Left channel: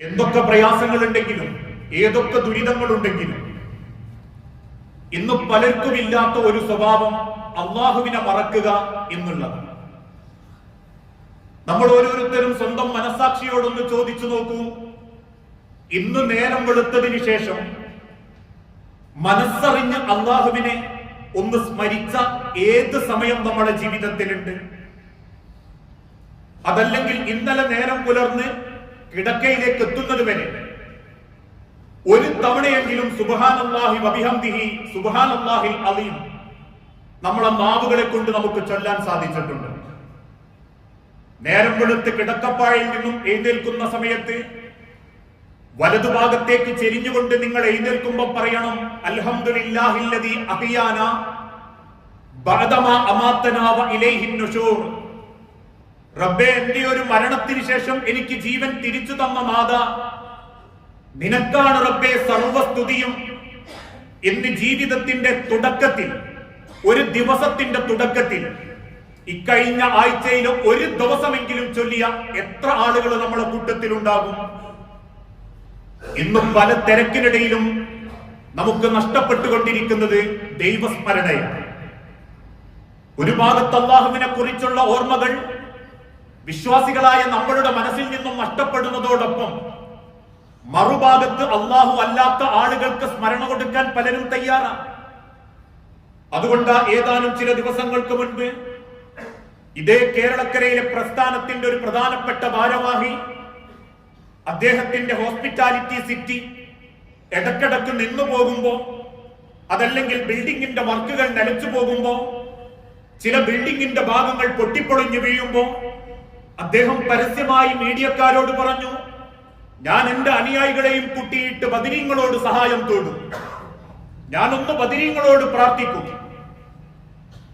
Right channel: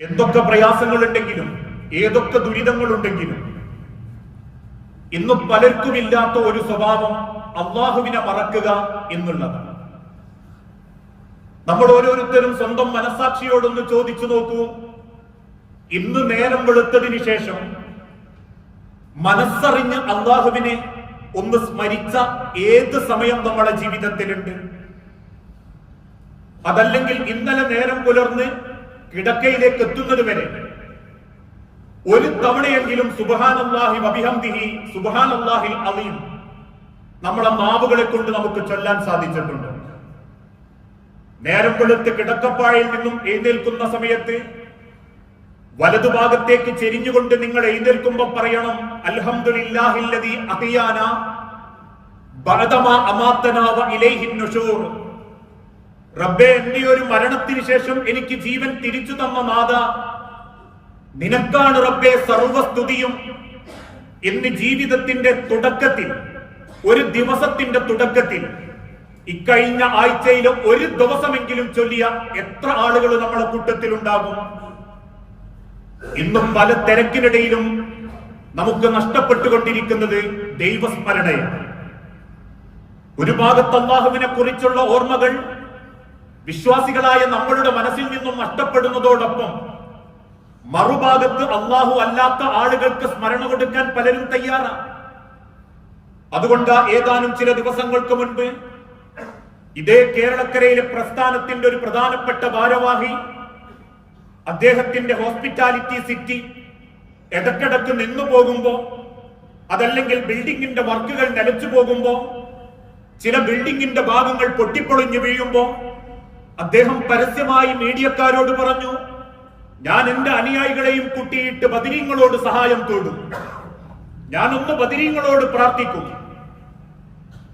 എന്തൊക്കെ പ്രയാസങ്ങളുണ്ടെങ്കിലും ഏതൊക്കെ ദുരിതങ്ങളുണ്ടെങ്കിലും ഇന്ന് പലർക്കുമില്ലാത്ത ഒരു സ്വഭാവം അള്ളാഹുവിനെ മറക്കുക എന്നുള്ളത്. നമ്മൾ ഓരോരുത്തരും സ്വന്തം മനസാക്ഷിയോടൊന്ന് ചോദിച്ചു നോക്കൂ. ഇന്ന് നേരം വെളുത്തതിന് ശേഷം മനസ്സറിഞ്ഞ് അള്ളാഹുവിനെ ഒന്ന് സ്മരിച്ച ഏത് സമയം നമ്മുടെ ജീവിതത്തിലുണ്ട്? അതല്ലെങ്കിൽ ഇന്നലെ നേരം പുലർന്ന് കിടക്കയിലേക്ക് എത്തുന്നത് വരെ ഒരു തവണയെങ്കിലും സുബഹാനല്ലാഹി വബിഹംദിഹി സുബഹാനല്ലാഹിൽ അലീം നമ്മളെ മാവുകളെ കൊണ്ട് നമുക്ക് ചൊല്ലാൻ സാധിച്ചിട്ടുണ്ട്. നേരം വെളുത്ത് കിടക്കപ്പായിൽ നിന്നും എഴുന്നേൽക്കുന്ന സമയത്ത് വലതുഭാഗത്തേക്ക് ചെരിഞ്ഞുകൊണ്ട് നിങ്ങൾ എഴുന്നേൽക്കുമ്പോൾ പറയണം അൽഹംദുലില്ലാഹില്ലദി അഹിയാന ബഅദമാ അമാത്തനാവ ഇലൈഹിൻ റബ്ബേ എന്റെ ഒരു മരണത്തിന് ശേഷം എനിക്ക് ജീവൻ തിരിച്ചു തന്ന നാഥ നിനക്കാണ് റബ്ബെ സർവസ്തുതിയും. എന്ന് ജീവിതത്തിന്റെ തുടക്കത്തിൽ ഒരു ദിവസത്തിന്റെ തുടക്കത്തിൽ ഇക്കഴിഞ്ഞ ആഴ്ചയിലെ ഒരു ദിവസമെങ്കിലും ചൊല്ലിയ എത്ര ആളുകൾ നമ്മുടെ കൂട്ടത്തിൽ ഉണ്ടാകും ഇന്നും പല തിരക്കിനിടയിലും നമുക്ക് നഷ്ടപ്പെട്ടുകൊണ്ടിരിക്കുന്നത് ദൈവസ്മരണയാണ്. ഒരു ഭാഗത്ത് അള്ളാഹുവിനെ കുറിച്ചുള്ള ഓർമ്മകൾ വിശ്വാസികളായ നമ്മളുടെ മനസ്സിൽ നിന്നും നഷ്ടപ്പെടുന്നതോടൊപ്പം മറുഭാഗത്ത് അള്ളാഹു അല്ലാത്ത ആളുകൾക്ക് സ്മരണ കൊടുക്കാൻ പലരും തയ്യാറാണ് അതുകൊണ്ട് ഏതാനും ചില ദിവസങ്ങൾക്ക് മുൻപ് ഇതേ കേരളക്കരയിലെ പ്രസ്ഥാനത്തിന്റെ ഒരു പ്രധാനപ്പെട്ട ഭാരവാഹി അദ്ദേഹത്തിന്റെ ഹോസ്പിറ്റാലിറ്റി സിറ്റി ഇടക്കിടക്ക് നിന്നു പോകുമ്പോ അതല്ലെങ്കിൽ ബിൽഡിങ്ങിന്റെ വർക്കുകൾ നിലച്ചു പോകുമ്പോ ചില ബിൽഡിങ്ങിന്റെ ഭാഗങ്ങൾ പൊട്ടിപ്പൊളിഞ്ഞു വീഴുമ്പോ അദ്ദേഹം പരസ്യമായി മീഡിയക്കാരോട് പറഞ്ഞു ഞാൻ എന്റെ അനുയായികളെയും കൂട്ടിയിട്ട് ബദിരീങ്ങളോട് സഹായം തേടും. ഞാനൊന്ന് ബദിരീങ്ങളോട് പ്രാർത്ഥിക്കും.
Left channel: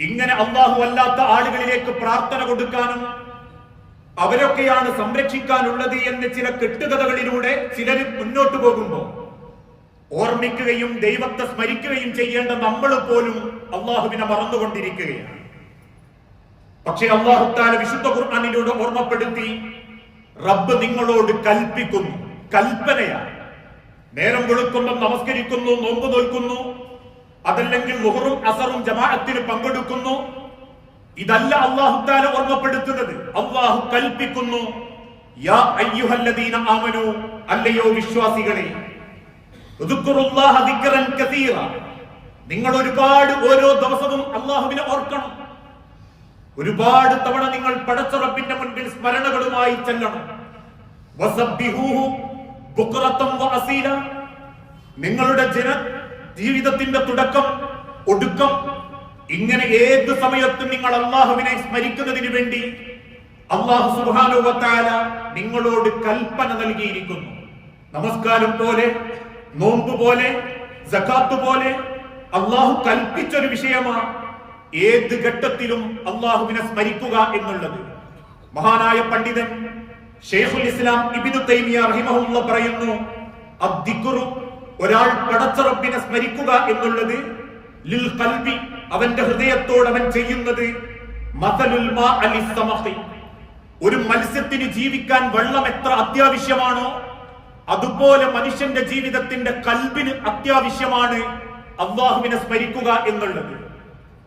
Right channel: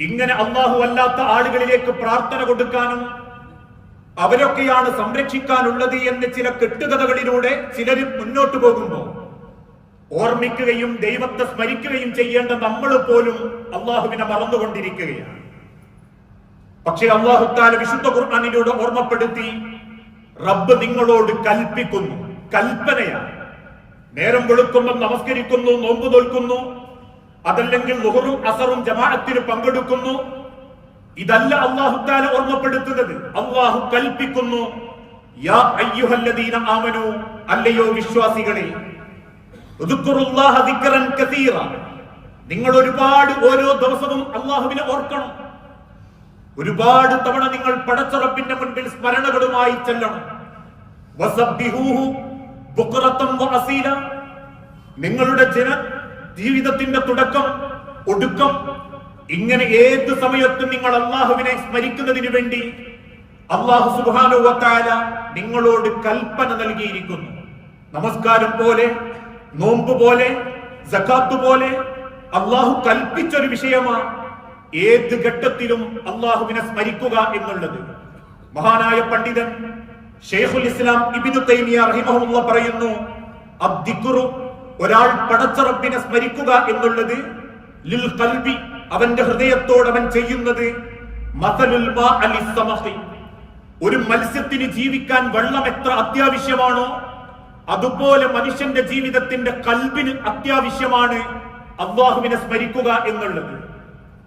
ഇങ്ങനെ അള്ളാഹു അല്ലാത്ത ആളുകളിലേക്ക് പ്രാർത്ഥന കൊടുക്കാനും അവരൊക്കെയാണ് സംരക്ഷിക്കാനുള്ളത് എന്ന് ചില കെട്ടുകഥകളിലൂടെ ചിലരും മുന്നോട്ട് പോകുമ്പോൾ ഓർമ്മിക്കുകയും ദൈവത്തെ സ്മരിക്കുകയും ചെയ്യേണ്ട നമ്മൾ പോലും അള്ളാഹുവിനെ മറന്നുകൊണ്ടിരിക്കുകയാണ്. പക്ഷേ അള്ളാഹുത്താല വിശുദ്ധ ഖുർആാനിലൂടെ ഓർമ്മപ്പെടുത്തി റബ്ബ് നിങ്ങളോട് കൽപ്പിക്കുന്നു. കൽപ്പനയാണ്. നേരം വെളുക്കുമ്പോൾ നമസ്കരിക്കുന്നു നോമ്പ് നോൽക്കുന്നു അതല്ലെങ്കിൽ ലുഹറും അസറും ജമാഅത്തിന് പങ്കെടുക്കുന്നു. ഇതല്ല അള്ളാഹുത്താല ഓർമ്മപ്പെടുത്തുന്നത്. അള്ളാഹു കൽപ്പിക്കുന്നു യാ അയ്യുഹല്ലദീന ആമനു അല്ലയോ വിശ്വാസികളെ. നിങ്ങൾ ഒരുപാട് ഓരോ ദിവസവും അള്ളാഹുവിനെ ഓർക്കണം. ഒരുപാട് തവണ നിങ്ങൾ പടച്ചുറപ്പിന്റെ മുൻപിൽ സ്മരണകളുമായി ചെല്ലണം. നിങ്ങളുടെ ജന ജീവിതത്തിന്റെ തുടക്കം ഒടുക്കം ഇങ്ങനെ ഏത് സമയത്തും നിങ്ങൾ അള്ളാഹുവിനെ സ്മരിക്കുന്നതിന് വേണ്ടി അള്ളാഹു സുബാനുവത്താല നിങ്ങളോട് കൽപ്പന നൽകിയിരിക്കുന്നു. നമസ്കാരം പോലെ നോമ്പ് പോലെ പോലെ അള്ളാഹു കൽപ്പിച്ചൊരു വിഷയമാണ് ഏത് ഘട്ടത്തിലും അള്ളാഹുവിനെ സ്മരിക്കുക എന്നുള്ളത്. മഹാനായ പണ്ഡിതൻ ഷെയ്ഖുൽ ഇസ്ലാം ഇബിനു തൈമിയ റഹിമഹുള്ള പറയുന്നു അദ്ദിക്കുറു ഒരാൾ പടച്ചറബിനെ സ്മരിക്കുക എന്നുള്ളത് ലിൽ കൽബി അവന്റെ ഹൃദയത്തോട് അവൻ ചെയ്യുന്നത് ഒരു മത്സ്യത്തിന് ജീവിക്കാൻ വെള്ളം എത്ര അത്യാവശ്യമാണോ അതുപോലെ മനുഷ്യന്റെ ജീവിതത്തിന്റെ കൽബിന് അത്യാവശ്യമാണ് അള്ളാഹുവിനെ സ്മരിക്കുക എന്നുള്ളത്.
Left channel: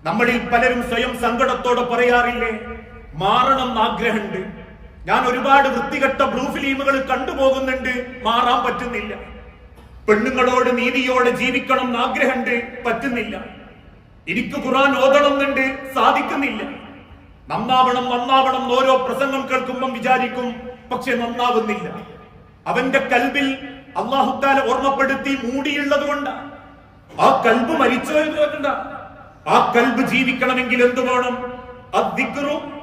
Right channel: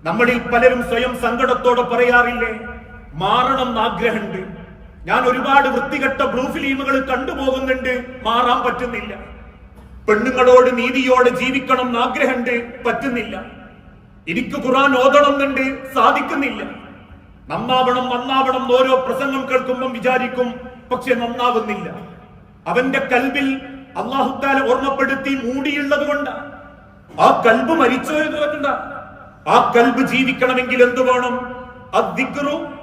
നമ്മളിൽ പലരും സ്വയം സങ്കടത്തോടെ പറയാറില്ലേ? മാറണം എന്നാഗ്രഹമുണ്ട് ഞാൻ ഒരുപാട് വൃത്തികെട്ട ബ്ലൂ ഫിലിമുകൾ കണ്ടുപോകുന്നുണ്ട്. മാറാൻ പറ്റുന്നില്ല. പെണ്ണുങ്ങളോട് നീതിയോടെ ജീവിക്കണം എന്നാഗ്രഹമുണ്ട് പറ്റുന്നില്ല. എനിക്ക് ഖുറാൻ ഓതണം എന്നുണ്ട് സാധിക്കുന്നില്ല. നന്നാവണം നന്നാവണം ഓരോ പ്രസംഗം കേൾക്കുമ്പം വിചാരിക്കും പക്ഷെ നന്നാവുന്നില്ല. അവന്റെ കൽബിൽ അള്ളാഹുത്താല ഓർമ്മപ്പെടുത്തി മൂടിയുള്ളത് കൊണ്ട്. ആ കൽബ് മരിച്ചു വരുന്നുണ്ട് ആ കൽബ് ജീവിക്കണമെങ്കിൽ എന്തു വേണം?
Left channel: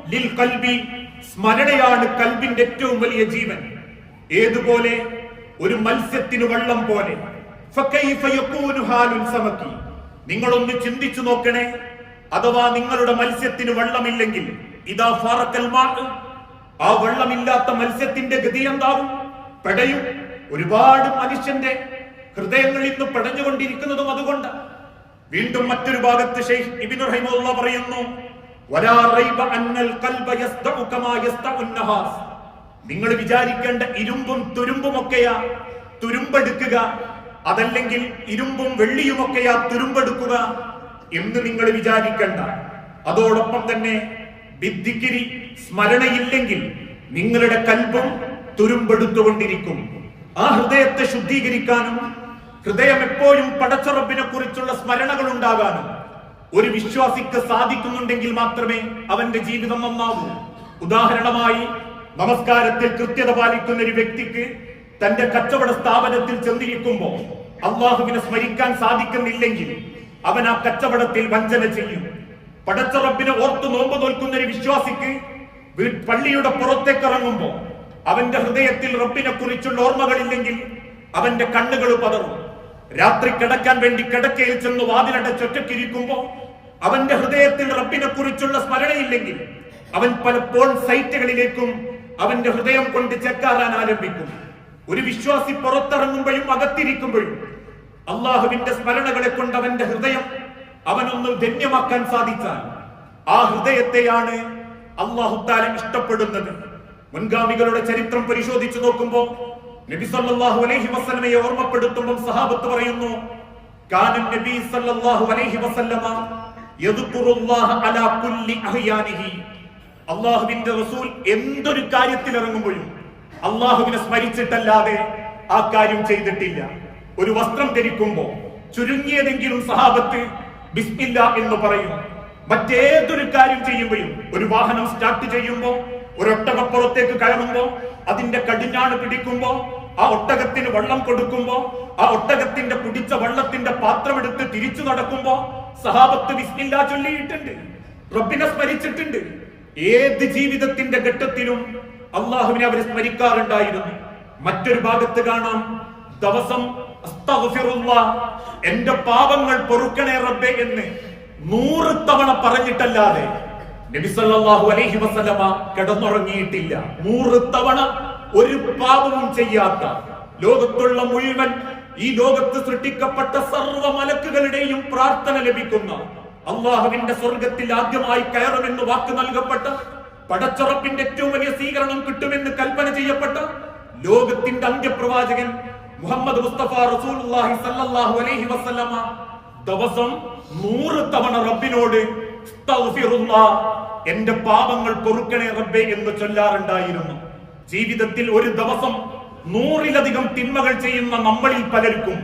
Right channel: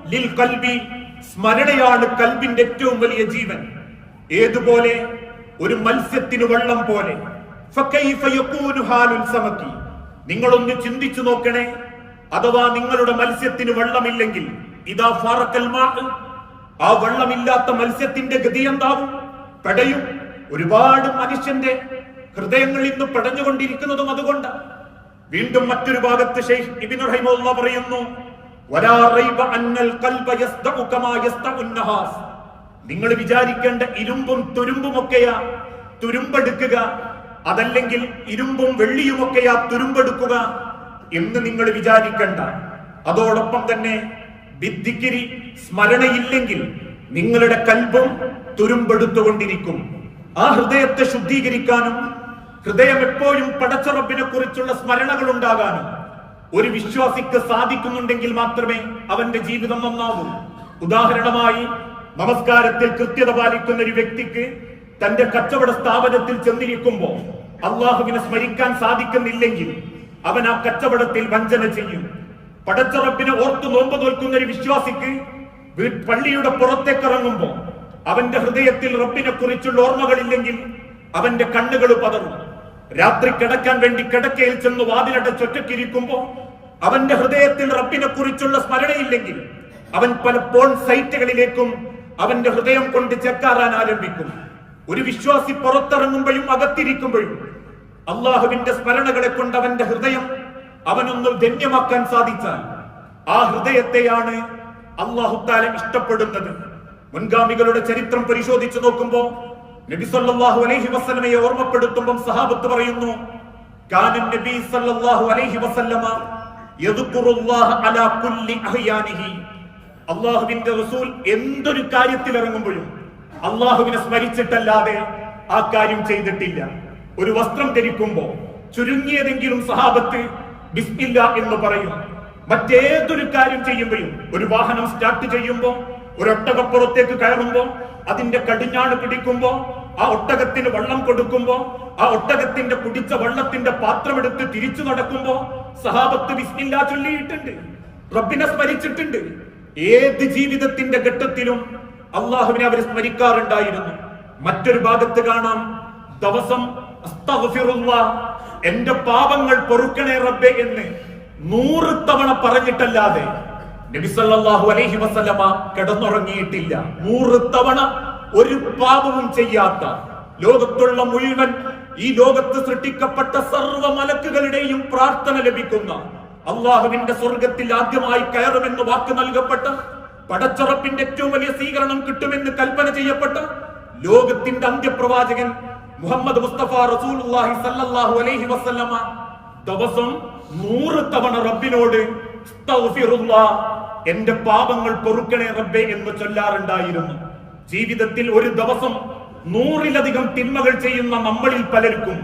ലിൽ കൽബി. സ്മരണയാണ് കൽബിന്റെ ഏറ്റവും വലിയ ജീവൻ. ഏതുപോലെ? ഒരു മത്സ്യത്തിന് വെള്ളം പോലെ. നിങ്ങളൊന്ന് ചിന്തിച്ചു നോക്കണേ. അഥവാ നിങ്ങളുടെ മത്സ്യത്തിന് വെള്ളമില്ലെങ്കിൽ ഇതാ ഫാറക്കൽ ആ വെള്ളമില്ലാത്ത മത്സ്യത്തിന്റെ ഗതി എന്താവും? പെടയും. ഒരുപാട് മനുഷ്യന്റെ ഹൃദയങ്ങൾ ഇന്ന് പെടഞ്ഞുകൊണ്ടിരിക്കുന്നതും അതുകൊണ്ടാണ്. വീണ്ടും മറ്റൊരു ഭാഗത്ത് ഷെയ്ഖ് ഇബ്നു റഹിമുള്ള പറയുന്നു വലാ റൈബ അന്നൽ ഖൽബ യസ്ദഉ കമാ യസ്ദഉ നഹാസ്. നിങ്ങൾ വിചാരിക്കേണ്ട ഇരുമ്പും തുരുമ്പും ഒക്കെയാ തുരുമ്പെടുക്കുക. അതല്ലെങ്കിൽ ഇരുമ്പും വെള്ളിയുമൊക്കെയാ തുരുമ്പെടുക്കുക എന്ന് നിങ്ങൾ വിചാരിക്കണ്ട. അതോടൊപ്പം തന്നെ വിദ്ധിക്കിരി സ്മരണയില്ലെങ്കിൽ നിങ്ങളുടെ കൽബും തുരുമ്പെടുത്തുകൊണ്ടിരിക്കും. ആ ഹൃദയത്തെ ശുദ്ധീകരിക്കാനും ഹൃദയം എപ്പോഴും പടച്ചറബിനെ കുറിച്ചുള്ള സ്മരണകൾ ഉണ്ടാകാനും ഒരു വിശ്വാസിക്ക് സാധിക്കുന്നുണ്ടെങ്കിൽ മാത്രമേ അവന്റെ ജീവിതം നന്നാവൂ. ഉദാഹരണമായി നമസ്കാരത്തിൽ കൃത്യത പാലിക്കുന്ന ഒരു വ്യക്തിക്ക് തന്റെ കച്ചവട സ്ഥാപനത്തിൽ ചെന്നിരിക്കുമ്പോൾ അള്ളാഹുവിനെ സ്മരിക്കാൻ സാധിക്കുന്നില്ലെങ്കിൽ അവൻ ആ കച്ചവടത്തിൽ വഞ്ചന ചെയ്യും. പടച്ചറപ്പിനെ ഓർത്തു നോമ്പ് നോൽക്കുന്ന ഒരു വിശ്വാസിക്ക് പള്ളിയുടെ പുറത്തേക്ക് ഇറങ്ങുമ്പോ അവന്റെ ഹൃദയത്തിൽ റബ്ബിനെ കുറിച്ചുള്ള ഓർമ്മകളില്ലെങ്കിൽ അവന്റെ കണ്ണുകൾ പതറും. രാത്രി കിടക്കാൻ വേണ്ടി കിടക്കയിൽ ചെന്ന് വാതിലടച്ചൊറ്റക്കിരിക്കുമ്പോ അവന്റെ ഹൃദയത്തിൽ റബ്ബിനെ കുറിച്ചുള്ള സ്മരണയില്ലെങ്കിൽ അവൻ പലപ്പോൾ സൈറ്റുകളിലേക്കും അവന്റെ ഹൃദയം കൊണ്ട് ചെക്കാറാൻ ആരംഭിക്കും. ഒരു വിശ്വാസി പുറത്തിറങ്ങുമ്പോഴും അകത്തിരിക്കുമ്പോഴും അള്ളാഹുവിന്റെ സ്മരണകളെ കൊണ്ട് അവന്റെ ഹൃദയം അവനൊന്ന് ധന്യമാക്കാൻ സാധിച്ചാൽ ആ ഹൃദയത്തെയാണ് അള്ളാഹുത്താല ഇഷ്ടപ്പെടുന്നത്. മുൻഗാമികളുടെ ചരിത്രം പരിശോധിച്ചു നോക്കുമ്പോ നബി സല്ലല്ലാഹു അലൈഹി വസല്ലമയെ ഓർമ്മപ്പെടുത്തുമ്പോൾ സഹാബത്ത് പറയുന്നു കാനൻ നബി സല്ലല്ലാഹു അലൈഹി വസല്ലമ യദ്കുറുല്ലാഹ അലാ കുല്ലി അഹ്യാനിഹി. അള്ളാഹുവിന്റെ റസൂൽ എന്തൊരു കാര്യത്തിൽ ഇറങ്ങുമ്പോഴും അള്ളാഹുവിനെ സ്മരിച്ചിട്ടല്ലാതെ ആ കാര്യം ചെയ്തിട്ടില്ല. ഒരു വസ്ത്രം ധരിക്കുമ്പോ ചുരുങ്ങിയതെങ്കിലും സഹാബത്ത് ബിസ്മില്ല എന്ന് പറയും. മറ്റേതൊരു കാര്യം ചെയ്യുമ്പോഴും ഒരു വാഹനം സ്റ്റാർട്ട് ചെയ്യുമ്പോ ഒരു ഒട്ടകപ്പുറത്തേക്ക് കയറുമ്പോ അതിന്റെ കടിഞ്ഞാണ് പിടിക്കുമ്പോ ആ ഒട്ടകത്തിന് വെള്ളം കൊടുക്കുമ്പോ ആ ഒട്ടകത്തിന്റെ കുടിച്ച വെള്ളത്തിന്റെ പാത്രമെടുത്ത് തിരിച്ചു നടക്കുമ്പോ സഹാബത്ത് വിസ്മില്ല ചൊല്ലിയിട്ടുണ്ട് റബ്ബിനെ സ്മരിച്ചിട്ടുണ്ട്. ഏത് ജീവിതത്തിന്റെ ഘട്ടത്തിലും അള്ളാഹുവിനെ അവർ സ്മരിക്കാറുണ്ടായിരുന്നു. മറ്റൊരു ഭാഗത്ത് കാണാം ദിവസം എന്റെ പാപങ്ങൾ പൊറുക്കണേ റബ്ബെ എന്ന് നൂറ് തവണ പറഞ്ഞിട്ടല്ലാതെ നബി സല്ലല്ലാഹു അലൈഹി വസല്ലമ കിടന്നുറങ്ങിയിട്ടില്ല. നൂറ് തവണ ഒരു പാപവും ചെയ്യാത്ത ലോകത്തുള്ള മുഴുവൻ ഈ ലോകത്ത് സൃഷ്ടിക്കപ്പെട്ട സർവ മലക്കുകളുടെയും പ്രാർത്ഥന ലഭിക്കുന്ന അള്ളാഹുവിന്റെ സ്വർഗത്തിൽ ആദ്യമായി കയറുമെന്ന് വാക്ക് നൽകപ്പെട്ട പടച്ചുറപ്പിന്റെ ഏറ്റവും വലിയ സ്വീകരണം കിട്ടുമെന്ന് കൽപ്പന ചെയ്യപ്പെട്ട ലോകത്തിന്റെ അന്ത്യപ്രവാചകൻ മുഹമ്മദ് മുസ്തഫ റസൂലുള്ളാഹി സല്ലല്ലാഹു അലൈഹി വസല്ലമ ദിവസം നൂറ് തവണ റബ്ബിനോട് "അസ്തഗ്ഫിറുല്ലാ, എന്റെ പാപങ്ങൾ പൊറുക്കണേ റബ്ബേ എന്ന് ചൊല്ലാറുണ്ടായിരുന്നു. ജീവിതത്തിൽ ഒരു ദിവസം നൂറിലധികം തിന്മകൾ ചെയ്യുന്ന നമ്മളിൽ പലർക്കും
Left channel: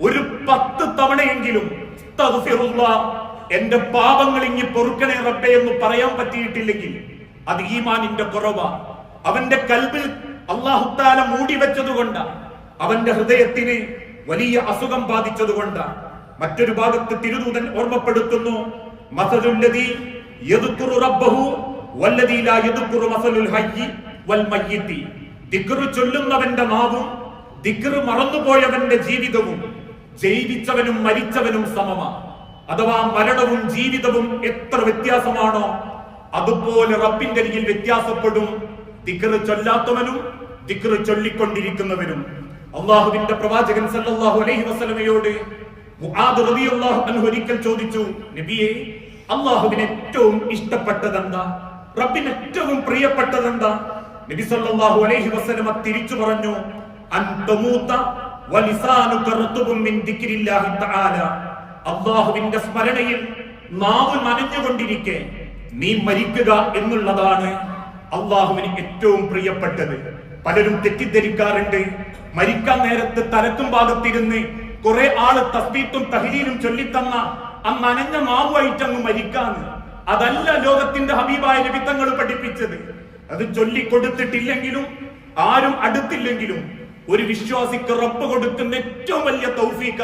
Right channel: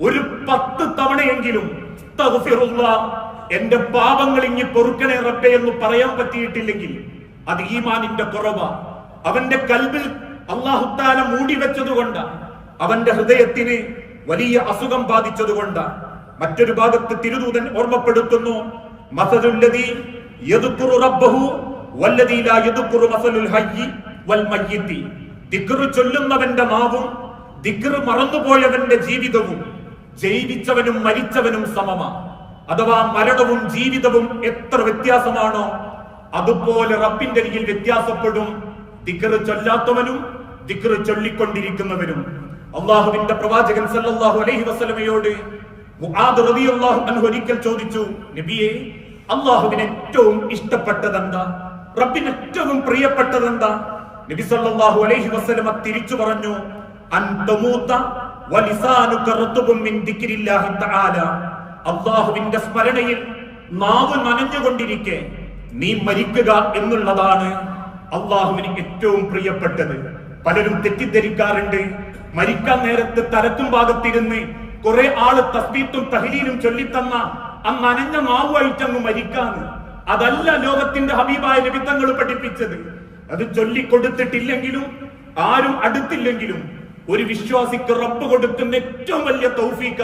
ഒരു പത്ത് തവണയെങ്കിലും "അസ്തഗ്ഫിറുല്ലാ, എന്റെ പാപങ്ങൾ ഇങ്ങി പൊറുക്കണേ റബ്ബേ എന്ന് പറയാൻ പറ്റിയിട്ടില്ലെങ്കിൽ അത് ഈമാനിന്റെ കുറവാ. അവന്റെ കൽബിൽ അള്ളാഹുത്താല മൂടി വെച്ചതുകൊണ്ട് അവന്റെ ഹൃദയത്തിന് വലിയ അസുഖം ബാധിച്ചതുകൊണ്ട് മറ്റൊരു ഭാഗത്ത് തിരുദൂതൻ ഓർമ്മപ്പെടുത്തുന്നു മസലുല്ലദീ ചൊല്ലുന്നവന്റെ നാവും ദിക്റ് മറന്നുപോയവന്റെ ജീവിതവും ജൈവിച്ചവനും മരിച്ചവനും സമമാ. അഥവാ മരണവും ജീവിതവും എത്ര വ്യത്യാസമാണോ അതുപോലെ റബ്ബിന്റെ അരികിൽ വ്യത്യാസപ്പെടും. ദിക്റ് ചൊല്ലാത്തവനും ദിക്റ് ചൊല്ലിക്കൊണ്ടിരിക്കുന്നവനും. അള്ളാഹുവിന്റെ പ്രവാചകൻ സല്ലല്ലാഹു അലൈഹി വസല്ലമയോട് മുആദ് റളിയല്ലാഹു അൻഹു ഒരിക്കൽ ചോദിച്ചു നബിയെ അള്ളാഹുവിന് ഏറ്റവും ഇഷ്ടപ്പെട്ടതെന്താ? റബ്ബിന് ഏറ്റവും പ്രിയപ്പെട്ടതെന്താ? നബി സല്ലല്ലാഹു അലൈഹി വസല്ലമ തിരിച്ചു പറഞ്ഞു അൻ തമൂത വലിസാനുക റത്ബും മിൻ ദിക്രില്ലാഹി തആല. അള്ളാഹുവിന്റെ സ്മരണയിൽ നാവ് നനഞ്ഞുകൊണ്ടിരിക്കെ നീ മരിക്കുക എന്നുള്ളതാണ് അള്ളാഹുവിന് ഏറ്റവും പ്രിയപ്പെട്ടത്. പലരും തെറ്റിദ്ധരിക്കാറുണ്ട്. മരിക്കാൻ നേരത്ത് തലക്കും ഭാഗത്തിരുന്ന് കുറെ ആൾ തസ്ബീത്തും തഹലീലും ചൊല്ലിത്തന്ന ആ നനഞ്ഞ മാവുമായിട്ടങ്ങ് മരിക്കാന്ന്. അതല്ല ലോകത്തിന്റെ ഹബീബായ രവിത്തങ്ങൾ പഠിപ്പിച്ചത്. അത് ചൊല്ലിക്കൊടുത്തിട്ടില്ലെങ്കിലും ആരും അടുത്തില്ലെങ്കിലും ഒരു വിശ്വാസിക്ക് റബ്ബ് കൊടുക്കുന്ന ഏറ്റവും വലിയ തൗഫീക്ക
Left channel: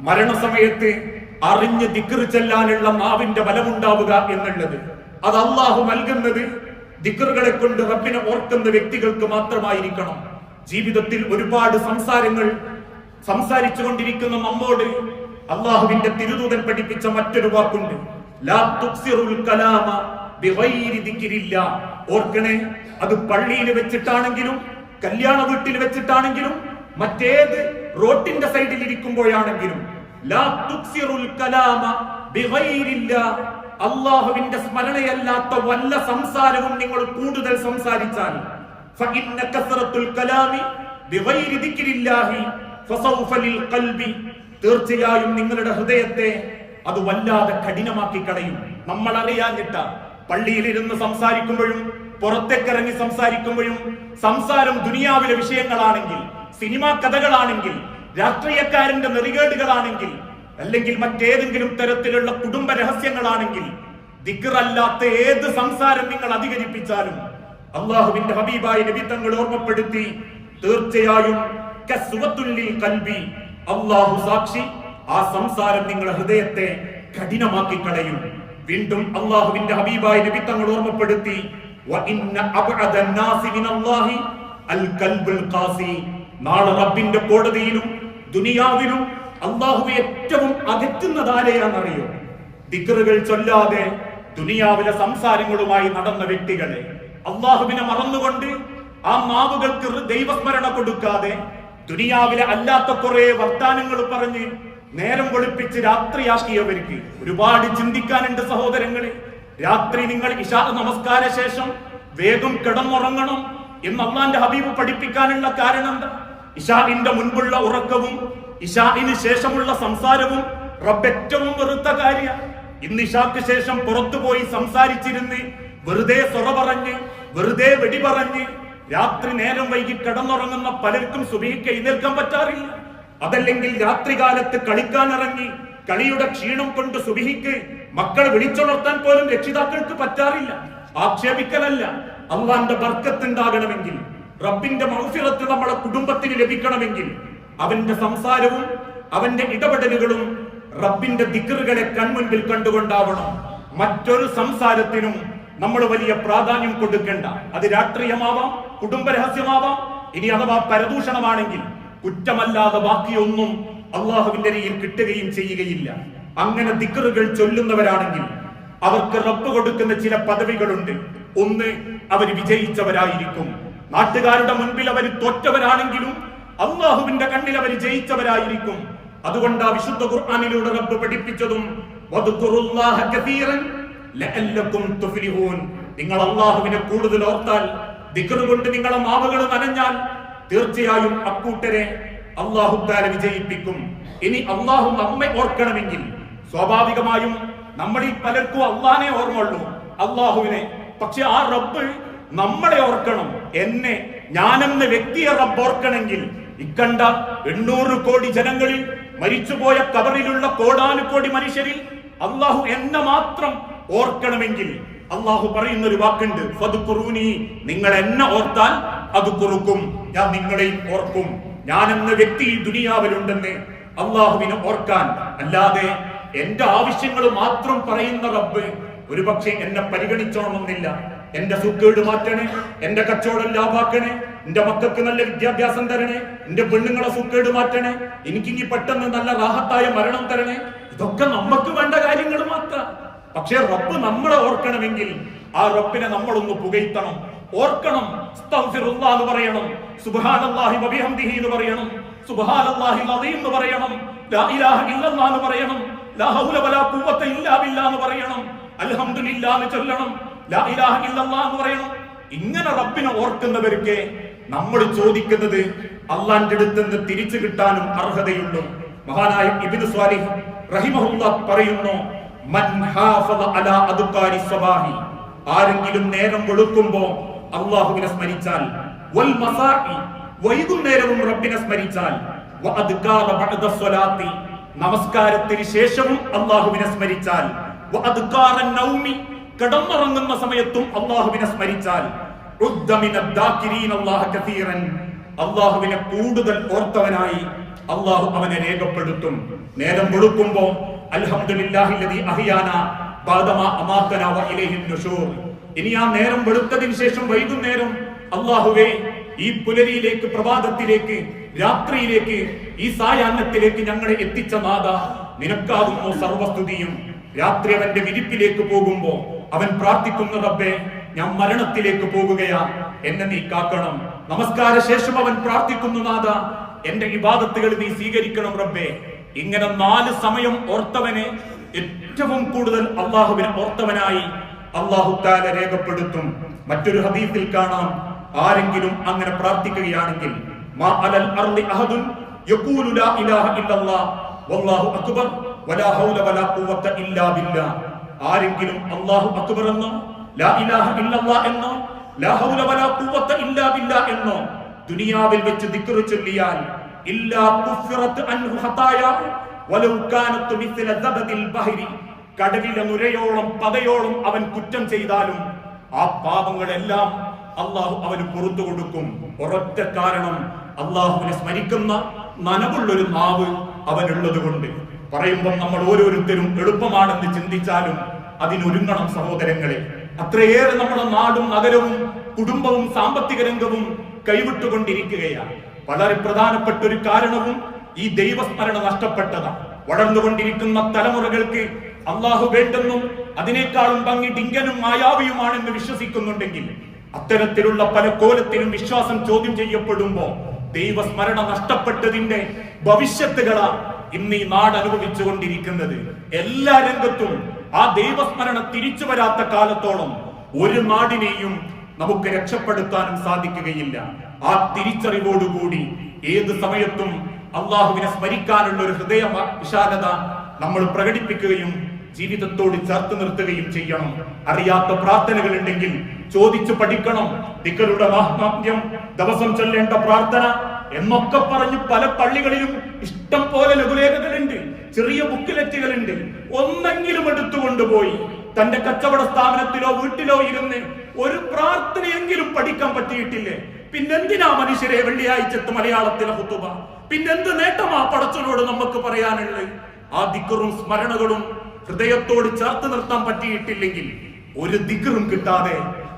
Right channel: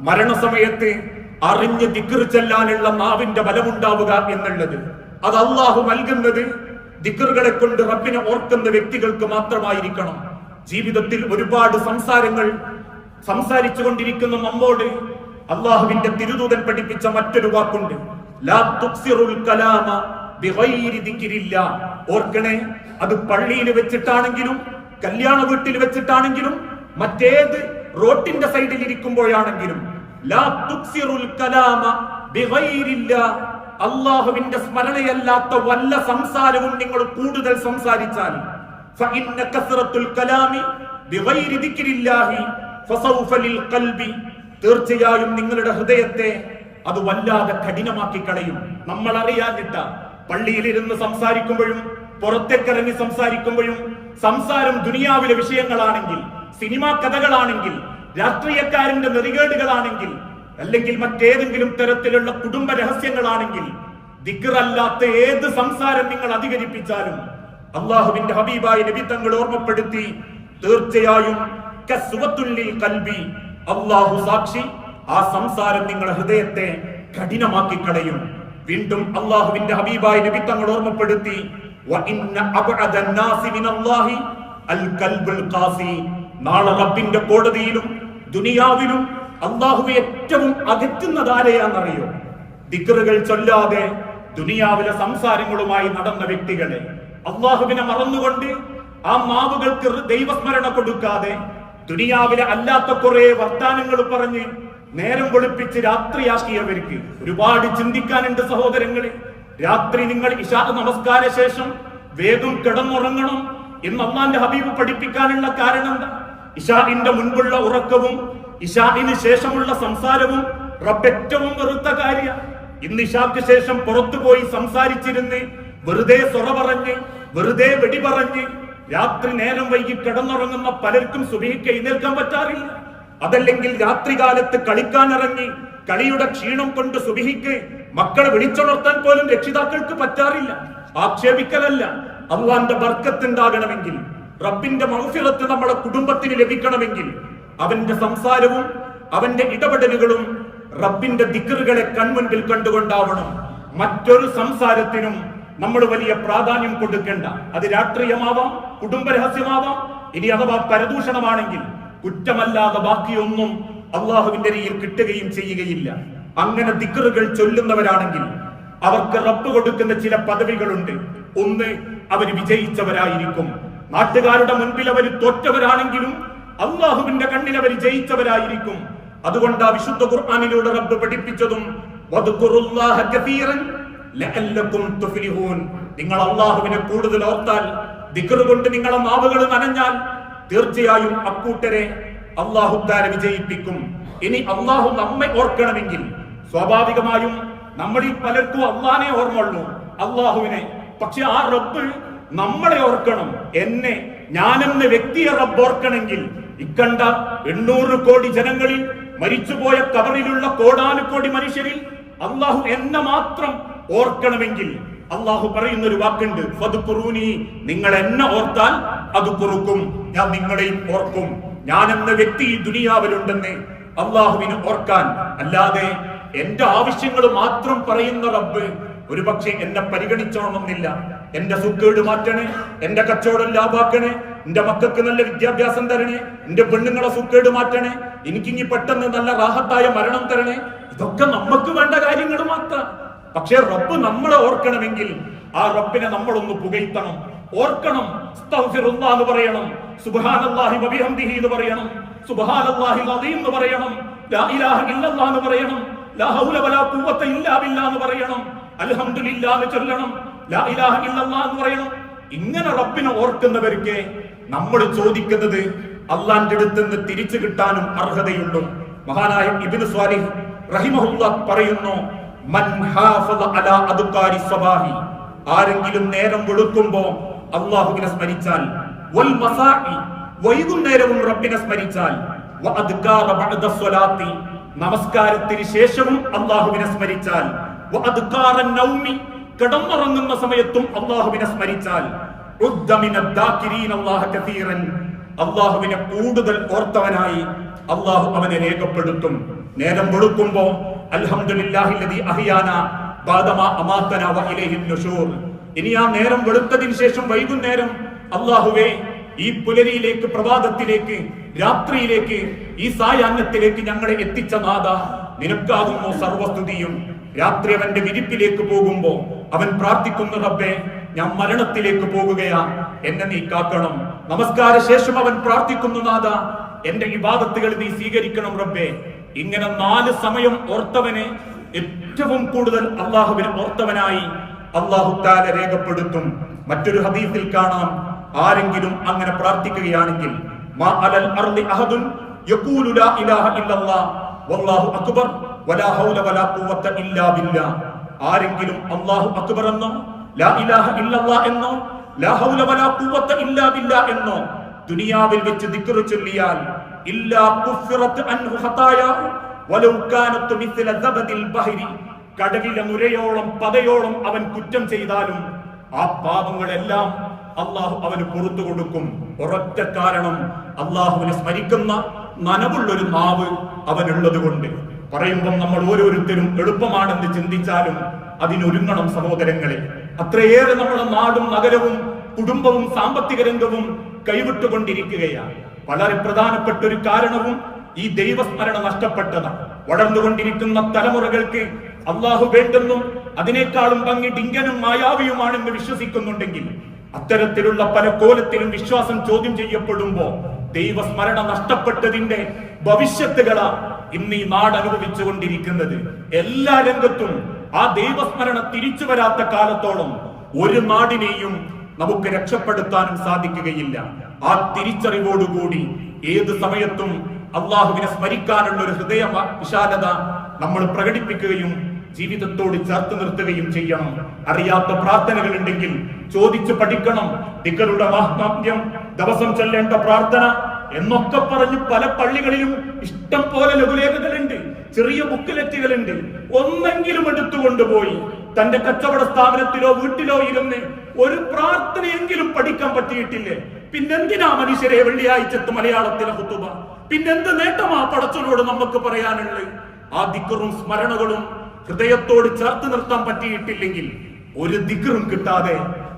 മരണസമയത്ത് അറിഞ്ഞ് ദിക്റ് ചെല്ലാനുള്ള നാവിന്റെ ബലമുണ്ടാവുക എന്നുള്ളത്. അത് അള്ളാഹു നൽകുന്നത് ദിക്റുകളെ കൊണ്ട് റബ്ബിനെ ഓർക്കുന്ന വ്യക്തികൾക്ക് മാത്രമായിരിക്കണം. ജീവിതത്തിൽ ഒരുപാട് സംസാരങ്ങൾ സംസാരിച്ചു കൊണ്ടിരിക്കുന്ന നമ്മോട് അള്ളാഹുവിന്റെ തിരുദൂതൻ പഠിപ്പിച്ച മറ്റൊരു വാക്കുണ്ട്. ഓർക്കണേ അത് പള്ളിയിൽ വെച്ചിട്ടാണെങ്കിലും കല്യാണ വീട്ടിൽ വെച്ചിട്ടാണെങ്കിലും മറ്റേത് റോട്ടിന്റെ സൈഡിൽ ഇരിക്കുമ്പോഴാണെങ്കിലും സ്മരണയല്ലാത്ത വല്ല സംസാരവും നിങ്ങൾ കൂടുതൽ സംസാരിച്ചാൽ കലാമി തീർച്ചയായും നിങ്ങളുടെ ഹൃദയത്തെ അത് വല്ലാതെ കഠിനമാക്കി കളയും. നമ്മൾ അറിയാഞ്ഞിട്ട പള്ളിയിലിരുന്ന് സംസാരിക്കുമ്പോഴും പുറത്തേക്കിറങ്ങി സംസാരിക്കുമ്പോഴും സംസാരം ദുനിയാവിലെ വിഷയങ്ങളാണെങ്കിൽ സിനിമാ കഥകളാണെങ്കിൽ രാഷ്ട്രീയക്കാരന്റെ നെറികേടുകളാണെങ്കിൽ അല്ലെങ്കിൽ മറ്റേതെങ്കിലും തരത്തിലുള്ള കുടുംബ രഹസ്യങ്ങളാണെങ്കിൽ ദിക്കറല്ലാത്ത ഏത് സംസാരം നിങ്ങൾ അധികരിപ്പിച്ചാലും അള്ളാഹുവിന്റെ ഹബീബായ നബി തങ്ങൾ ഓർമ്മപ്പെടുത്തി തീർച്ചയായും കൽബി അള്ളാഹു സാക്ഷി ആ സംസാരം നിങ്ങളുടെ ഹൃദയത്തെ കഠിനമാക്കി കളയും വീണ്ടും അള്ളാഹുവിന്റെ ഹബീബായ നബി തങ്ങൾ ഓർമ്മപ്പെടുത്തി. നാളെ റബ്ബിന്റെ കോടതിയിലും ദുനിയാവിലും അള്ളാഹു ഏറ്റവും അകറ്റുന്നതാരെയാണെന്നറിയോ ദിക്റുകൾ ചൊല്ലാതെ ദുനിയാവിലെ സംസാരങ്ങളുമായി നടന്ന വ്യക്തികളെ അള്ളാഹുവിനെ മറന്നുകൊണ്ട് ആ മാവുകൾക്ക് ദൈവസ്മരണ കൊടുക്കാതെ ദുനിയാവിലെ അല്ലാത്ത കുറെ വർത്താനങ്ങൾ പറഞ്ഞ് നേരം വെളുപ്പിച്ച് രാത്രിയാക്കിയവർക്ക് ഒരുപാട് ചിന്തിക്കാനുണ്ട് സഹോദരങ്ങളെ. രാത്രി നിങ്ങൾ ഇഷാ നമസ്കാര ശേഷം വേഗം കിടന്നുറങ്ങണം എന്ന് അള്ളാന്റെ ഹബീബ് പഠിപ്പിക്കാനുള്ള കാരണം എന്താ? ഇഷാഇന്റെ മുൻപുള്ള ഉറക്കവും ഇഷാഇന് ശേഷമുള്ള സംസാരവും റബ്ബ് ഏറ്റവും വെറുത്ത കാര്യ. ഇന്ന് ഇഷാക്ക് ശേഷം പുറത്തുപോയി സംസാരിച്ചിരുന്ന് വെറുതെ സൊറ പറഞ്ഞ് വെറുതെ വെടി പറഞ്ഞ് രാത്രി നേരം വൈകി കിടന്നുറങ്ങുന്ന പലർക്കും സുബഹിക്ക് എഴുന്നേൽക്കാൻ പറ്റാറില്ല. അതല്ലെങ്കിൽ രാത്രികാലത്ത് കളിക്കാനിറങ്ങി കളിയുടെ ക്ഷീണം കൊണ്ട് സുബഹിക്ക് മക്കളെ വിളിച്ചുണർത്താൻ പോലും രക്ഷിതാക്കൾക്ക് പറ്റാറില്ല. ആക്ഷേപിക്കലല്ല. അള്ളാന്റെ ബർക്കത്തുണ്ടാകണമെങ്കിൽ റബ്ബിന്റെ മൗഫിറത്ത് നമ്മുടെ കുടുംബത്തിന് ലഭിക്കണമെങ്കിൽ അവന്റെ സംസാരവും അവന്റെ ഇടപെടലുകളും റബ്ബിന്റെ ദിക്കറുകളെ കൺമുൻപിൽ കണ്ടുകൊണ്ടാവണം. മറ്റൊരു സംസാരത്തിനും നമ്മൾ വലിയ പ്രാധാന്യം കൊടുക്കേണ്ട. അത് രാഷ്ട്രീയമാവാം കുടുംബരഹസ്യമാവാം. ഇനി അഥവാ പരദൂഷണമാണെങ്കിൽ കുറ്റമല്ലാതെ ബാക്കിയൊന്നും അള്ളാഹുവിന്റെ രീതിയിൽ കിട്ടുകയും ചെയ്യുകയില്ല. അങ്ങനെ ദിക്കറുകൾ ചൊല്ലുന്നവരാണെങ്കിൽ അവർക്ക് റബ്ബ് കൊടുക്കുന്ന ചില പദവികളുണ്ട്. ഒന്ന് അവർ വിജയിച്ചവരായിരിക്കും. നാട്ടുകാരുടെ മുൻപിൽ അവർ തോറ്റവരാണെങ്കിലും അള്ളാഹുവിന്റെ കണ്ണിൽ അവർ ജയിച്ചവരായിരിക്കും. അതുകൊണ്ട് ആ വിശുദ്ധ ഖുർആാനിലൂടെ റബ്ബ് പഠിപ്പിച്ചതും നിങ്ങൾ അള്ളാഹുവിനെ കൂടുതൽ ഓർത്താൽ കൊണ്ട് നിങ്ങളെ മാവുകൾ നനഞ്ഞാൽ തീർച്ചയായും അക്കൂട്ടരെ അള്ളാഹു താല വിജയിപ്പിക്കും. ഇനി അള്ളാഹു നമ്മെ ഓർക്കണമെങ്കിൽ സ്വാഭാവികമായും നമ്മളിൽ പലർക്കും അള്ളാനെ ഓർമ്മയുള്ളൂ. അള്ളാഹുവിനെ. പക്ഷെ ആ റബ്ബ് നമ്മളെ ഓർക്കണം. എന്നെ ഞാനെന്ന വ്യക്തിയെ റബ്ബ് ഓർക്കണമെങ്കിൽ ഇക്കണ്ട എണ്ണൂറ് കോടി ജനങ്ങളിൽ മരിച്ചുപോയ കബറിലുള്ള കോടാനുകോടി മനുഷ്യരിൽ അള്ളാഹു എന്നെ മാത്രം ഓർക്കണമെങ്കിൽ അള്ളാഹു പറയുന്ന ഒരു വാക്കുണ്ട് ഫതുക്കുറൂനി നിങ്ങൾ എന്നെ ഓർത്താൽ അത് കുറുക്കും ഞാൻ നിങ്ങളെയും ഓർക്കും. ഞാൻ എന്ന വ്യക്തി ഈ ദുനിയാവിലുണ്ടെന്ന് അള്ളാഹുവിനെ ഓർക്കാൻ. അല്ലാതെ എന്റെ ആവശ്യങ്ങൾ മാത്രം പറയുന്ന റബ്ബ് ഒരു പക്ഷേ എന്നെ പരിഗണിച്ചോണമെന്നില്ല എന്റെ സുക്കേട് മാറ്റണേ എന്റെ കച്ചവടം ലാഭാക്കണേ എന്റെ മക്കൾക്ക് നല്ല വിദ്യാഭ്യാസം തരണേ എന്റെ പെണ്ണുങ്ങളെ സുക്കേട് മാറ്റണേ എനിക്കിനി പെട്ടെന്ന് നല്ല റാഹത്തായ മരണം തരണേ. ഇതൊക്കെ നമുക്ക് വേണ്ട കാര്യങ്ങൾ മാത്രം. പക്ഷേ റബ്ബ് നമ്മളെ ഓർക്കണമെങ്കിൽ ആ റബ്ബിനെ നമ്മളൊന്ന് പുകഴ്ത്തണം. ഓർക്കണം എന്ന് പറയണം സുബ്ഹാനല്ലാഹി വബിഹംദിഹി എന്ന് പറയണം സുബ്ഹാനല്ലാഹി അദീം എന്ന് പറയണം ലാ ഇലാഹ ഇല്ലല്ലാഹ് എന്ന് പറയണം ലാ ഹൗല വലാ ഖുവത ഇല്ലാ ബില്ലാഹ് എന്ന് പറയണം അൽഹംദുലില്ലാ ചൊല്ലണം ലാ ഇലാഹ ഇല്ലല്ലാഹ് എന്ന് പറയണം. ഇങ്ങനെ റബ്ബിനെ ഓർക്കുന്നവർക്ക് നമ്മൾ ചോദിക്കുന്നത് അള്ളാന്റെ അടുത്ത് നിന്ന് തിരിച്ചു കിട്ടാനും അർഹതയുള്ളൂ മഹാനായ ഇബ്നു സ്വാലിഹ് റഹിമഹുല്ല പറയുന്നു ആരെങ്കിലും നേരം വെളുക്കുമ്പോ അള്ളാഹുവിനെ സ്മരിച്ചാൽ വൈകുന്നേരവും റബ്ബിനെ സ്മരിച്ചാൽ നമസ്കാരത്തിന് ശേഷവും അള്ളാഹുവിനെ സ്മരിച്ചാൽ കിടന്നുറങ്ങുന്ന സമയത്തും അള്ളാഹുവിനെ സ്മരിച്ചാൽ അള്ളാഹുവിനെ കൂടുതൽ ഓർത്തവനായി അള്ളാഹു അവനെ രേഖപ്പെടുത്തും. നേരം വെളുക്കുമ്പോ ഇനി ആ നേരം വെളുത്തതിന് ശേഷം വൈകുന്നേരം അള്ളാഹുവേ ഈ പുലരിയിലേക്ക് പ്രഭാതത്തിലേക്ക് രാത്രിയിലേക്ക് ഈ സായാഹ്നത്തിലേക്ക് ഞങ്ങളെ എത്തിച്ച നാഥ നിനക്കാകുന്നു സർവസ്തുതിയും. രാത്രി അവന്റെ വിരിപ്പിലേക്ക് പോകുമ്പോ അവൻ പ്രാർത്ഥിക്കുന്ന റബ്ബേ ഞാൻ മരണത്തിലേക്ക് പോകുകയാ. എന്നെ നീ കാക്കണം. നമസ്കാര ശേഷം അവൻ പ്രാർത്ഥിക്കുന്നു നാഥ. എന്റെ വിവാദത്തുകൾ നീ സ്വീകരിക്കണം റബ്ബേ. ഇങ്ങനെ നാല് സമയം ഓർത്തവനെ ഏറ്റവും കൂടുതൽ അള്ളാഹുവിനെ ഓർത്തവനായി അള്ളാഹു താല രേഖപ്പെടുത്തും. മറ്റൊരു ഹദീസിൽ കാണാം. ആരെങ്കിലും അങ്ങനെ പ്രാർത്ഥിക്കുകയാണെങ്കിൽ മാ അലൽ അഹദുൻ യഖൂലു ലാ ഇലാഹ ഇല്ലല്ലാഹ് വല്ലാഹു അക്ബർ വലാ ഹൗല വലാ ആരെങ്കിലും അല്ലാഹു അക്ബർ ലാ ഇലാഹ ഇല്ലല്ലാഹ് ലാ ഹൗല വലാ എന്നോ ദുനിയാവിൽ വെച്ച് ദിക്റു ചൊല്ലിയാൽ കടലിലെ നുരയോളം പതയോളം അവൻ കുറ്റം ചെയ്താലും ആ പാപങ്ങളെല്ലാം അള്ളാഹു അവന് പുറത്തു കൊടുക്കും. ഒരൊറ്റ കാരണം അള്ളാഹുവിനെ സ്മരിക്കുന്ന നനവുള്ളൊരു നാവ് അവനുള്ളത് കൊണ്ട് പറയുമ്പോൾ നമ്മൾ ഓരോരുത്തരും എളുപ്പമാണെന്ന് ചിന്തിച്ചാലും അതിനൊരുങ്ങണം സഹോദരങ്ങളെ. അത്രയേറെ നമ്മുടെ നാടും നഗരവും കുടുംബവും സാമ്പത്തിക രംഗവും കൈവിട്ടുകൊണ്ടിരിക്കുകയാണ്. വളരെ പ്രധാനപ്പെട്ട ഒരു കാരണവും ഈ ദൈവസ്മരണ നഷ്ടപ്പെട്ടതാണ്. വളർന്നുകൊണ്ടിരിക്കുന്ന തലമുറകൾക്ക് അള്ളാഹു വേണ്ടെന്നും അതിനേക്കാളും ഭംഗി ഡിങ്കനും മായാവിയുമാണെന്ന് വിശ്വസിക്കുന്നുണ്ടെങ്കിൽ അത്തരത്തിലുള്ള പല കോലത്തിലും വിശ്വാസം ചോദ്യം ചെയ്യപ്പെടുമ്പോൾ ദൈവസ്മരണ നഷ്ടപ്പെട്ടതിന്റെ ഭവിഷ്യത്തുകളാ ഇന്ന് ഈ നാട് അനുഭവിച്ചുകൊണ്ടിരിക്കുന്നത്. എല്ലാ രംഗത്തും ആ ദൈവസ്മരണ തിരിച്ചു വരാത്ത കാലത്തോളം ഒരു നാടിനെയും നമുക്ക് രക്ഷപ്പെടുത്താനും സാധിക്കുകയില്ല. ആ തിരിച്ചറിവോടുകൂടി ഏത് സമയത്തും അള്ളാഹുവിനെ സ്മരിക്കാനുള്ള ഒരു ഹൃദയ വിശാലത നമ്മൾ പ്രകടിപ്പിക്കുകയും ജീവിതത്തോട് ചേർത്ത് നിർത്തുകയും ചെയ്യണം. അറിയാത്ത പ്രാർത്ഥനകൾ ഉണ്ടെങ്കിൽ ചോദിച്ചു പഠിക്കണം. ദിക്കറുടെ മാഹാത്മ്യം ദിവസം ചൊല്ലേണ്ട പ്രാർത്ഥന എന്നൊക്കെ പറഞ്ഞ് പല പള്ളികളിലും ഇഷ്ടം പോലെ ലഘുലേഖകളുണ്ട്. ചെറിയ ബുക്കിലെറ്റുകളുണ്ട്. ഒന്നെങ്കിലും എടുത്തുകൊണ്ടുപോയി തന്റെ കച്ചവട സ്ഥാപനത്തിലോ വീട്ടിലോ ഇരുന്ന് ഒരു പ്രാർത്ഥനയെങ്കിലും പഠിക്കാൻ പറ്റിയിട്ടില്ലേ? പിന്നെന്തിനാ മനുഷ്യരെ വെള്ളിയാഴ്ചത്ത് മലയാളത്തിലെ കുത്തുബ പിന്നെന്ത് നേട്ടമാ പടച്ചനോട് നമുക്ക് പറയാനുള്ളത്? ആ ദിക്കറും സ്മരണകളും ഹൃദയത്തോട് ചേർത്ത് നിർത്താൻ പറ്റിയിട്ടില്ലെങ്കിൽ ഒരു ദിക്കറും കിട്ടാതെ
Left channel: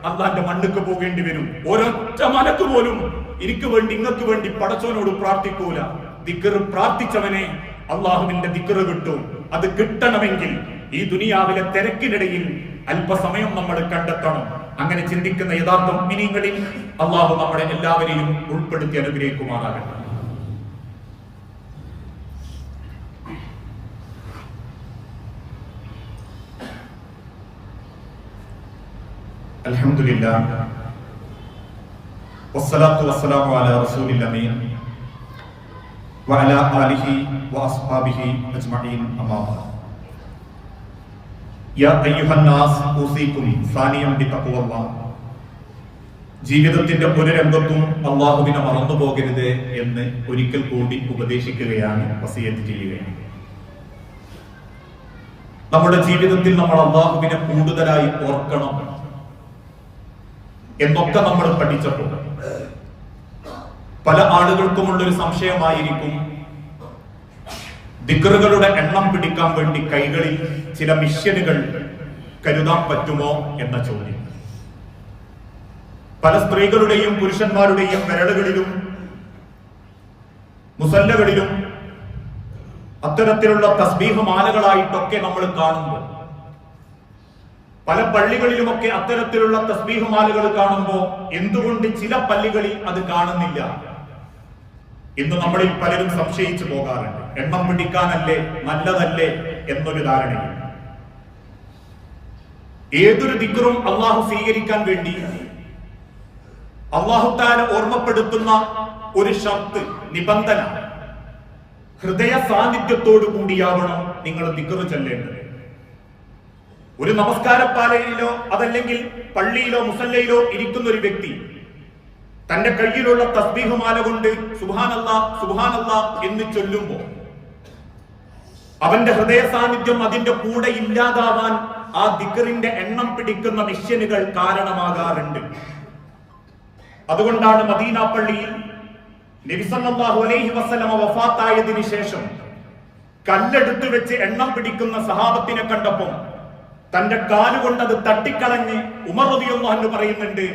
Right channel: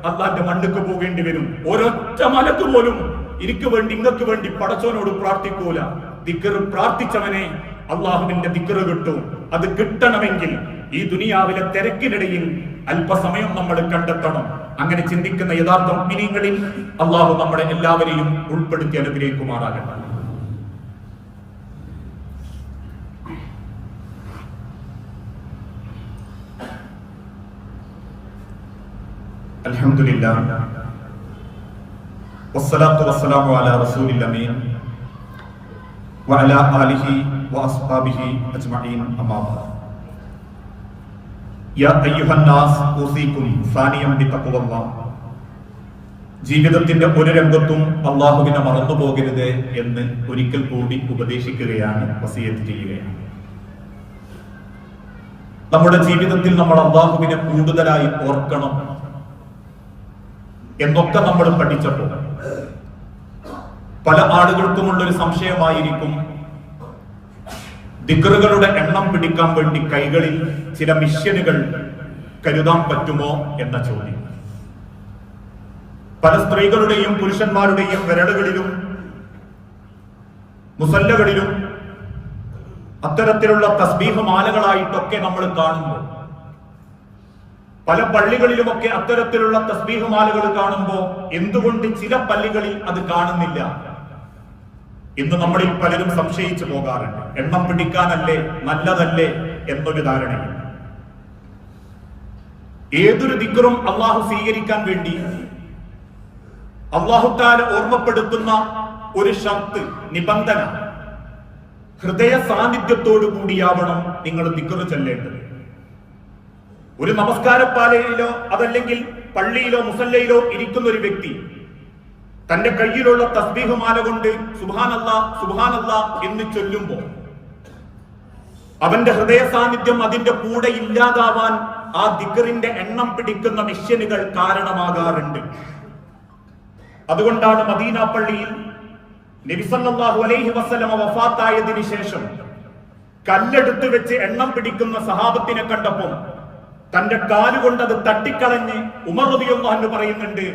അള്ളാന്റെ മണ്ണുക്ക് പോകേണ്ടി വരും. ഒരൊറ്റ മലക്ക് പോലും എനിക്ക് വേണ്ടി ഇങ്ങക്ക് വേണ്ടി പടച്ചവനോട് പ്രാർത്ഥിക്കൂല. ദിക്കറ് പ്രാർത്ഥിച്ചവനെ അള്ളാഹുവിന്റെ ദിക്കറ് കിട്ടും. അത് കിട്ടണമെങ്കിൽ ഈ ദുനിയാവിലെ തിരക്കിനിടയിൽ അല്പസമയം നമ്മൾ കണ്ടെത്തണം. അങ്ങനെ ചിന്തിക്കുന്ന യഥാർത്ഥ മിനിങ്ങളിൽ അള്ളാഹു നമ്മളെ എല്ലാവരെയും ഉൾപ്പെടുത്തി അനുഗ്രഹിക്കുമാറാകട്ടെ الحمد لله والصلاة والسلام على رسول الأمين وعلى آله وأصحابه أجمعين أما بعد ജീവിതത്തിന്റെ ഒരു രംഗത്തും അള്ളാഹുവിനെ മറന്നു പോകരുത് എന്ന് ഒരിക്കൽ കൂടി ഉപദേശിക്കുകയാണ് വസീയത്ത് ചെയ്യുകയാണ്. നമ്മുടെ ജീവിതത്തിൽ നമ്മൾ അള്ളാഹുവിനെ കൂടുതലായി ഓർക്കണം എന്നൊക്കെ നമ്മൾ പഠിച്ചപ്പോൾ. പല ആളുകൾക്കുമുള്ള ഒരു സംശയമായിരിക്കും ദിക്കറുകളുടെ എണ്ണം പിടിക്കാൻ വേണ്ടി കൈകളിൽ ചില മിഷ്യനുകൾ കരുതാൻ പറ്റുമോ എന്ന ചോദ്യം. പല സ്ത്രീകളുടെയും പുരുഷന്മാരുടെയും വിരലുകളിലും മുസല്ലകളിലും അത്തരത്തിലുള്ള തസ്ബീഹ മാലകളായിട്ടൊക്കെ നമ്മൾ കാണുമ്പോൾ പല പള്ളികളിലുമൊക്കെ അത്തരത്തിലുള്ള തസ്ബീഹ മാലകൾ കാണുമ്പോൾ എന്തുകൊണ്ട് ചില പള്ളികളിൽ അത് കാണുന്നില്ല ഇന്ന് നമ്മളിൽ പലരും സംശയിച്ചു പോകാറുണ്ട്. എണ്ണം പിടിക്കാനല്ലേ നല്ലതല്ലേ എന്നൊരു ധാരണയും ഏതൊരു ദിക്കറും അള്ളാഹു സ്വീകരിക്കാൻ വേണ്ടി അള്ളാഹുത്താല ഓർമ്മപ്പെടുത്തുന്ന ഒരു ഷർത്ത് നിബന്ധന. ഹൃദയ സാന്നിധ്യത്തോടു കൂടിയാവണം നിങ്ങൾ ദിക്കറ് ചെല്ലേണ്ടത്. ഒരു നമസ്കാരപ്പാലയിലോ അതല്ലെങ്കിൽ പള്ളിയിലോ മുസല്ലയിലോ ഇരിക്കുന്ന ഒരു വ്യക്തി തന്റെ കയ്യിലുള്ള തസ്ബീഹ് മാല കൊണ്ട് സുബാനല്ല സുബാനല്ല എന്ന് ചൊല്ലുമ്പോ അവന്റെ ഹൃദയ സാന്നിധ്യം അതിന്റെ കൂടെ ഇല്ലാതാവാൻ ആ ദിഗറിന്റെ എണ്ണം പിടിക്കുന്ന മിഷ്യനുകൾ കാരണമാകാറുണ്ട്. അതുകൊണ്ടാണ് മദീന പള്ളിയിൽ നബിസല്ലാഹു അലൈഹി വസ്ലമ വഫാത്തായതിന് ശേഷം കല്ലെടുത്ത് വെച്ച് എണ്ണം പിടിക്കുന്ന സഹാബത്തിനെ കണ്ടപ്പോൾ തന്റെ കാലുകൊണ്ട് അത് തട്ടിക്കളഞ്ഞ് ഉമർ റബിയൊന്നു പറയുന്നുണ്ട്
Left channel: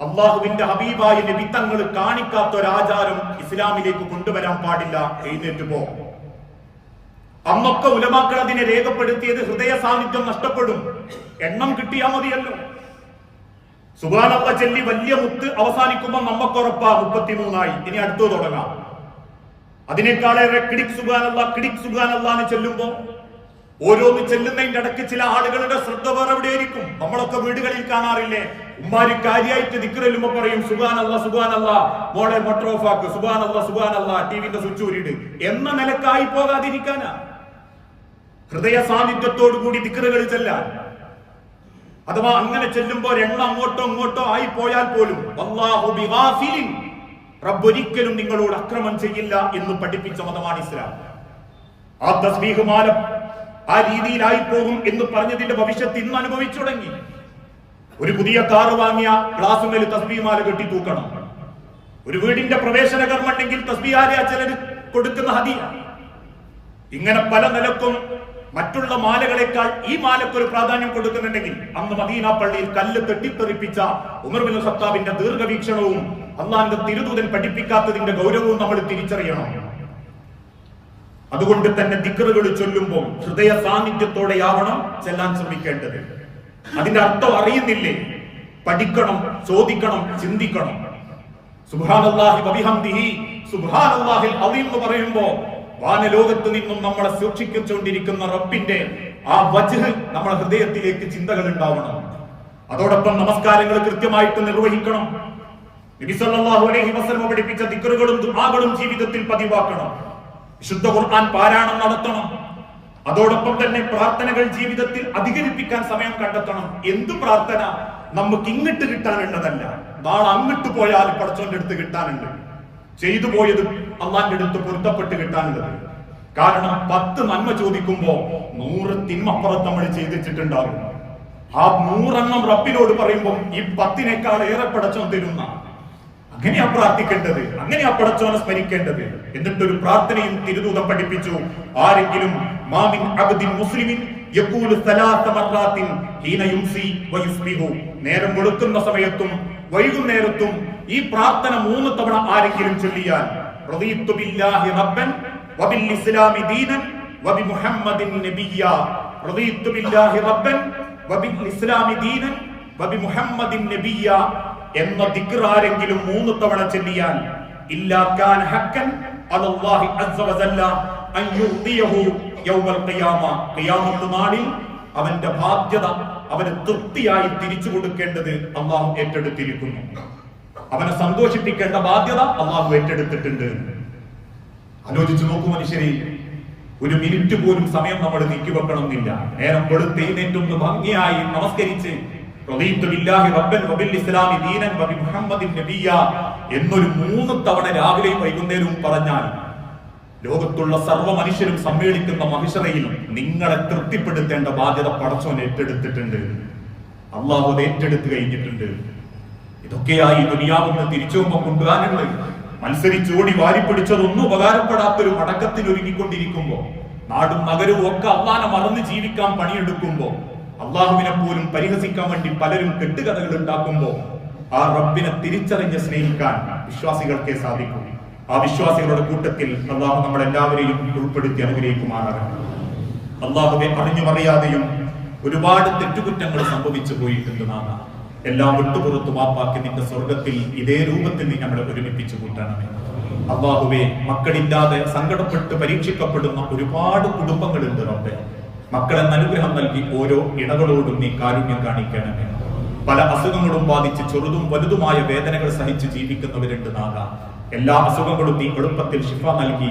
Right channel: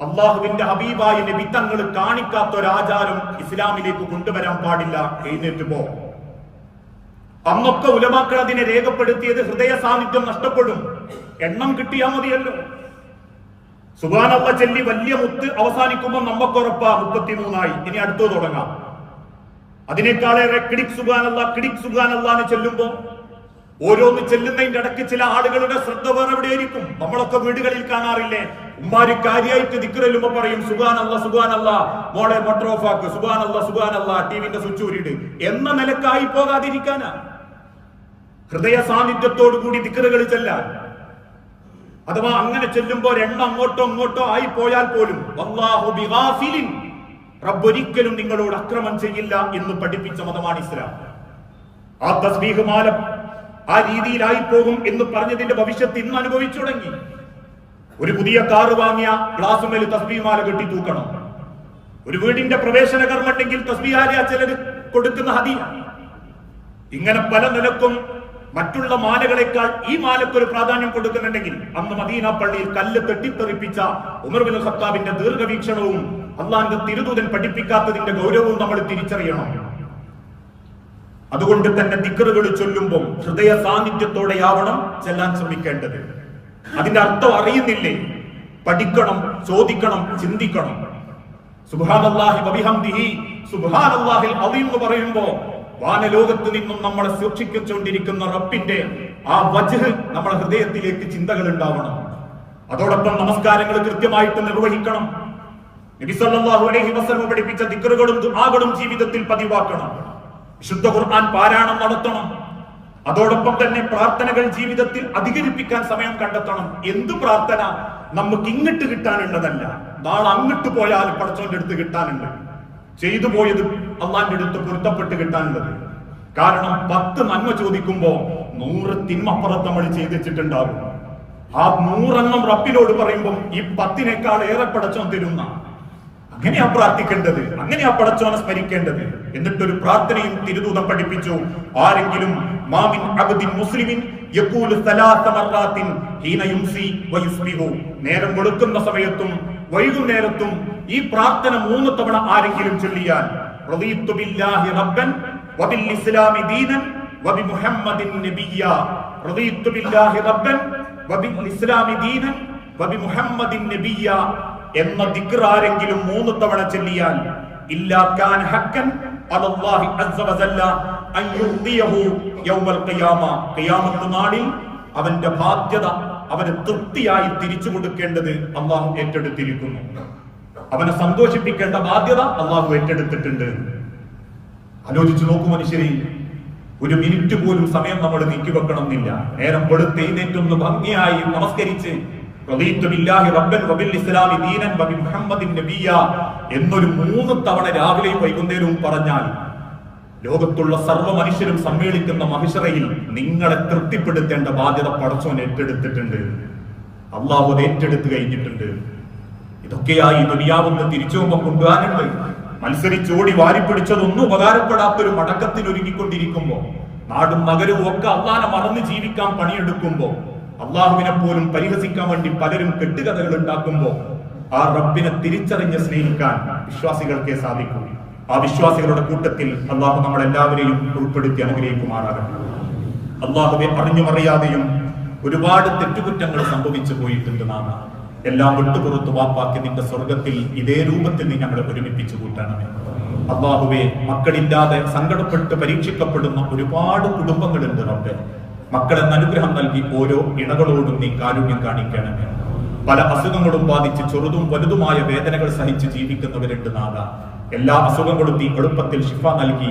അള്ളാഹുവിന്റെ ഹബീബായ നബി തങ്ങൾ കാണിക്കാത്ത ഒരാചാരം ഇസ്ലാമിലേക്ക് കൊണ്ടുവരാൻ പാടില്ല എഴുന്നേറ്റ് പോ. അന്നൊക്കെ ഉലമാക്കൾ അതിനെ രേഖപ്പെടുത്തിയത് ഹൃദയ സാന്നിധ്യം നഷ്ടപ്പെടും. എണ്ണം കിട്ടിയാ മതിയല്ലോ. സുബാനുള്ള ചെല്ലി വലിയ മുത്ത് അവസാനിക്കുമ്പോൾ നമ്മക്കുറപ്പാ മുപ്പത്തിമൂന്നായി. ഇനി അടുത്തു തുടങ്ങാം. അതിനേക്കാളേറെ കിടിക് സുബാനല്ല കിടിക് സുബാനല്ല എന്ന് ചെല്ലുമ്പോ ഓരോന്ന് ചെല്ലുന്നതിന്റെ ഇടയ്ക്ക് ചില ആളുകളുടെ ശ്രദ്ധ വേറെ എവിടെയായിരിക്കും? നമ്മളൊക്കെ വീടുകളിൽ കാണാറില്ലേ? ഉമ്മാര് കാര്യമായിട്ട് ദിക്കറല്ലുമ്പോ പറയും സുബാനല്ല സുബാനല്ല മോളെ മോട്ടർ ഓഫ് ആക്ക് സുബാനല്ല സുബാനല്ല ടിവിന്റെ സ്വിച്ച് ഊരിട് എന്ന നിലക്കായി പോകാതിരിക്കാനാ. ഹൃദയ സാന്നിധ്യത്തോടു കൂടി ദിക്കറുകൾ ചെല്ലാം. അഥവാ അങ്ങനെ ചെല്ലുമ്പോൾ എണ്ണ അങ്ങോട്ടോ അങ്ങോട്ടോ ആയി പോയാൽ പോലും റബ്ബൊരിക്കലും നിങ്ങളോട് അക്രമം ചെയ്യില്ല എന്ന് പഠിപ്പിച്ച മതമാണ് ഇസ്ലാം. ആ തസ്ബീഹ് മാലം ആ രീതിയിലായി പോകും എന്ന് പറഞ്ഞതിന്റെ ഭവിഷ്യത്ത് ഇന്ന് അനുഭവിച്ചു തുടങ്ങി. ഒരു പുതിയ കാർ വാങ്ങിയ ഗ്ലാസുമേൽ തസ്ബീമാല കെട്ടി തൂക്കണം. ഒരു വീടിന്റെ പ്രവേശന കർമ്മണ്ടെങ്കിൽ തസ്ബീഹാല ചിലർ കൊടുക്കുന്ന ഹദിയ. ഇങ്ങനെ പല നിലക്കും മറ്റുള്ള മാലകളെക്കാൾ ഈ മാലയ്ക്ക് ഒരു പ്രാധാന്യം കൊടുക്കുന്നുണ്ടെങ്കിൽ അന്ന് മദീന പള്ളിയിൽ കല്ല് തെട്ടിത്തെറിപ്പിച്ച ഉമർ ബിൻ ഖത്താബിന്റെ ദീർഘവീക്ഷണവും അള്ളാന്റെ തിരുദൂതൻ പഠിപ്പിക്കാത്തതിന്റെ ഗൗരവവും നമ്മൾ തിരിച്ചറിയണം. അതുകൊണ്ട് തന്നെ ദിക്കറുകൾ ചൊല്ലുമ്പോൾ ഹൃദയ സാന്നിധ്യത്തോടെയാവണം ചെല്ലാൻ ശ്രമിക്കേണ്ടത്. അതിന്റെ അർത്ഥം അറിയുന്നില്ലേ? പഠിക്കണം ചോദിക്കണം ചിന്തിക്കണം. സുബ്ഹാനല്ലാഹി വബിഹംദിഹി. സുബ്ഹാനല്ലാഹിൽ അദീം എന്ന് പറയുമ്പോ വാനലോകത്ത് നിന്നും നമ്മളെ സൂക്ഷിച്ചുകൊണ്ടിരിക്കുന്ന റബ്ബിന്റെ ആ വജഹ് നമ്മുടെ ഹൃദയത്തിലേക്ക് ചിന്തകൾ ഉണ്ടാവണം. അതോടൊപ്പം നമസ്കാരങ്ങൾ കൃത്യമായിട്ട് നിർവഹിക്കണം. നബി സല്ലല്ലാഹു അലൈഹി വസല്ലം പഠിപ്പിച്ച ദിക്റുകളും ദുആകളും ജീവിതത്തിൽ പതിവാക്കണം. വിശുദ്ധ ഖുർആൻ പാരായണം നടത്തണം. അതോടൊപ്പം തന്നെ പ്രാർത്ഥനകൾ ജീവിതത്തിൽ അധികരിപ്പിക്കാൻ സമയം കണ്ടെത്തണം. എന്ത് പ്രാർത്ഥന? നമുക്ക് ഇങ്ങിട്ട് കിട്ടാനുള്ളതല്ല. നാളെ അങ്ങോട്ട് പോയാൽ പടച്ചോന്റെ അടുത്ത് കിട്ടാനുണ്ട്. ചെയ്തു പോയത് അള്ളാന്റെ അടുത്ത് പൊരുത്തപ്പെട്ട് കിട്ടാനുള്ളത്. കാരണം പത്ത് നന്മ ചോദിക്കുമ്പോ നൂറ് തിന്മപ്പുറത്ത് നമ്മൾ ചെയ്തിട്ടുണ്ടാകും ആ നൂറെണ്ണം റബ്ബിനോട് പറയുമ്പോൾ ഈ പത്തിനേക്കാൾ ഏറെ പടച്ചോൻ തരുന്ന. അങ്ങനെയാ പ്രാർത്ഥിക്കേണ്ടത് അങ്ങനെയാ പടച്ചോനെ സ്മരിക്കേണ്ടത്. എന്നിട്ടൊരു പ്രാർത്ഥനയും തിരുദൂതം പഠിപ്പിച്ചു. ആരെങ്കിലും മാമിൻ അബ്ദിൻ മുസ്ലിമിൻ യഖൂലു സലാത്ത ഹീന നേരം കൊടുക്കുന്ന സമയത്തും വൈകുന്നേരത്തും ഈ പ്രാർത്ഥന മൂന്ന് തവണ ആരെങ്കിലും ചൊല്ലിയാൽ റബ്ബൻ വബിൽ ഇസ്ലാമി ദീനൻ വബി മുഹമ്മദിൻ റബ്ബൻ വബിൽ ഇസ്ലാമി ദീനൻ വബി മുഹമ്മദിൻ എന്ന ദിക്ർ ആരെങ്കിലും മൂന്ന് തവണ ചൊല്ലിയാൽ അസ്സ അൻ യൗമൽ ഖിയാമ. ഖിയാമത്ത് നാളിൽ അവന്റെ ബാധ്യത അവന് തൃപ്തിയായി തിരിച്ചു കൊടുക്കേണ്ടത് അള്ളാഹു ഏറ്റെടുത്തിരിക്കുന്നു. അവനെ സന്തോഷിപ്പിക്കേണ്ട ബാധ്യത അള്ളാഹു ഏറ്റെടുത്തിട്ടുണ്ട്. ആലോചിച്ചു നോക്കൂ മനുഷ്യരെ ഒരു മിനിറ്റ് പോലും സമയം നമ്മൾ നീക്കിവെക്കണം എന്നില്ല നേരം വെളുത്ത് എഴുന്നേറ്റൊന്ന് ഭംഗിയായി നമസ്കരിച്ച് എന്നൊരു മൂന്ന് തവണ രാവിലെയും വൈകുന്നേരവും പറഞ്ഞാൽ ലോകത്തുള്ള സർവ മനുഷ്യരും സമ്മേളിക്കുന്ന മഹിഷറയിൽ നിങ്ങളെ തൃപ്തിപ്പെടുത്തേണ്ട ബാധ്യത പടച്ചോൻ ഏറ്റെടുത്തിട്ടുണ്ട്. അള്ളാഹു ഏറ്റെടുത്ത് കഴിഞ്ഞിട്ടുണ്ട്. ഇതൊക്കെയായി ദുനിയാവിന്ന് തിരിച്ചുപോകുമ്പോൾ കൊണ്ടുപോകാനുണ്ട് മത്സരിച്ചോടി വാരിപ്പിടിച്ചതൊന്നും ഉപകാരപ്പെടാത്തൊരു മടക്കത്തിൽ ഒരുങ്ങിക്കൊണ്ടിരിക്കുമ്പോ നാടും നഗരവും ഒക്കെ അള്ളാനെ മറന്ന് ജീവിക്കാൻ പണിയെടുക്കുമ്പോ അള്ളാഹുവിനെ പോലും പരിഹസിക്കാൻ വേണ്ടി പലരും കെട്ടുകഥകൾ ഉണ്ടാക്കുമ്പോ ആ റബ്ബിനെ തിരിച്ചറിഞ്ഞ് സ്നേഹിക്കാൻ വിശ്വാസികൾക്കേ സാധിക്കൂ. ആ വിശ്വാസികളുടെ കൂട്ടത്തിൽ അള്ളാഹു നമ്മളെല്ലാവരെയും ഉൾപ്പെടുത്തി അനുഗ്രഹിക്കുമാറാകട്ടെ. അള്ളാഹുവെ അറിഞ്ഞുമറിയാതെയും ഒരുപാട് തെറ്റുകുറ്റങ്ങൾ സംഭവിച്ചു പോയിട്ടുണ്ട് നാം എല്ലാം വിട്ടുപുറത്തു വാപ്പാക്കി നിന്റെ സ്വർഗത്തിൽ ഇതേ രൂപത്തിൽ നീ ഞങ്ങളെ ഒരുമിപ്പിച്ചു കൂട്ടണമേ. അള്ളാഹുവെ മക്കളില്ലാതെ സങ്കടപ്പെട്ട് പരീക്ഷിക്കപ്പെടുന്ന ഒരുപാട് കുടുംബങ്ങളുണ്ട് റബ്ബെ. മക്കളെന്ന് അനുഗ്രഹം നൽകി ഓരോ ഇണകളോടും നീ കാരുണ്യം കാണിക്കണമേ. പല അസുഖങ്ങളും ബാധിച്ച് ചെറുതും വലുതുമായ വേദനകൾ സഹിച്ച് ജീവിക്കുന്നവരുണ്ട് നാഗ എല്ലാ അസുഖങ്ങളും നീ എളുപ്പത്തിൽ ശിഫ നൽകി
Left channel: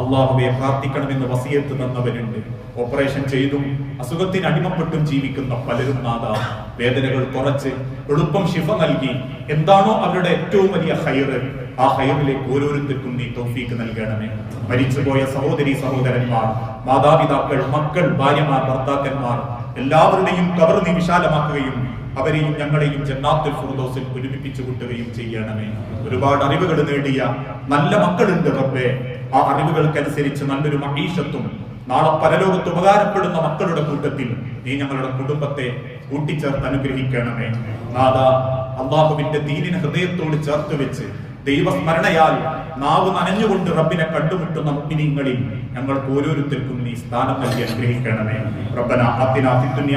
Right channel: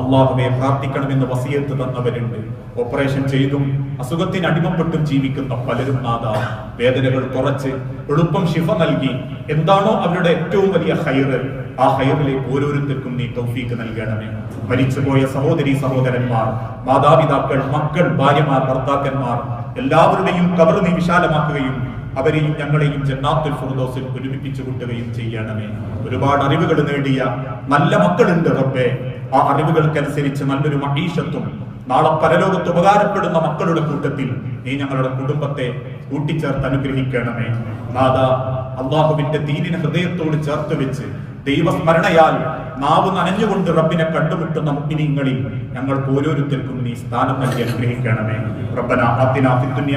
അള്ളാഹുവെ പ്രാർത്ഥിക്കണമെന്ന് വസിയത്ത് തന്നവരുണ്ട്. ഓപ്പറേഷൻ ചെയ്തും അസുഖത്തിന് അടിമപ്പെട്ടും ജീവിക്കുന്ന പലരും നാഥ വേദനകൾ കുറച്ച് എളുപ്പം ശിഫ നൽകി. എന്താണോ അവരുടെ ഏറ്റവും വലിയ ഹൈറ് ആ ഹൈറിലേക്ക് ഓരോരുത്തർക്കും നീ തോഫീക്ക് നൽകണമേ. മരിച്ചുപോയ സഹോദരി സഹോദരന്മാർ മാതാപിതാക്കൾ മക്കൾ ഭാര്യമാർ ഭർത്താക്കന്മാർ എല്ലാവരുടെയും കവർ നീ വിശാലമാക്കുകയും അവരെയും ഞങ്ങളെയും ജന്നാത്തുൽ ഫുർദോസിൽ ഒരുമിപ്പിച്ചു കൂട്ടുകയും ചെയ്യണമേ. ഒരുപാട് അറിവുകൾ നേടിയ നല്ല മക്കളുണ്ട് റബ്ബെ. ആ അറിവുകൾക്കനുസരിച്ച് നല്ലൊരു മഹീഷത്തും നാളെ പരലോകത്ത് ഉപകാരപ്പെടുന്ന മക്കളുടെ കൂട്ടത്തിൽ നീ ഞങ്ങളുടെ കുടുംബത്തെ കൂട്ടിച്ചേർത്ത് അനുഗ്രഹിക്കണമേ. നാദാ അള്ളാഹുവിന്റെ ദീനിനെ ഹൃദയത്തോട് ചേർത്ത് വെച്ച് ദൈവസ്മരണയാൽ നാവ് നനഞ്ഞുകൊണ്ട് റബ്ബിനെ കണ്ടുമുട്ടുന്ന മുഗ്മിനിങ്ങളിൽ ഞങ്ങൾക്ക് ഓരോരുത്തർക്കും നീ സ്ഥാനം നൽകി അനുഗ്രഹിക്കണമേ. റബ്ബന ആത്തിന ഫിദ്ദുനിയ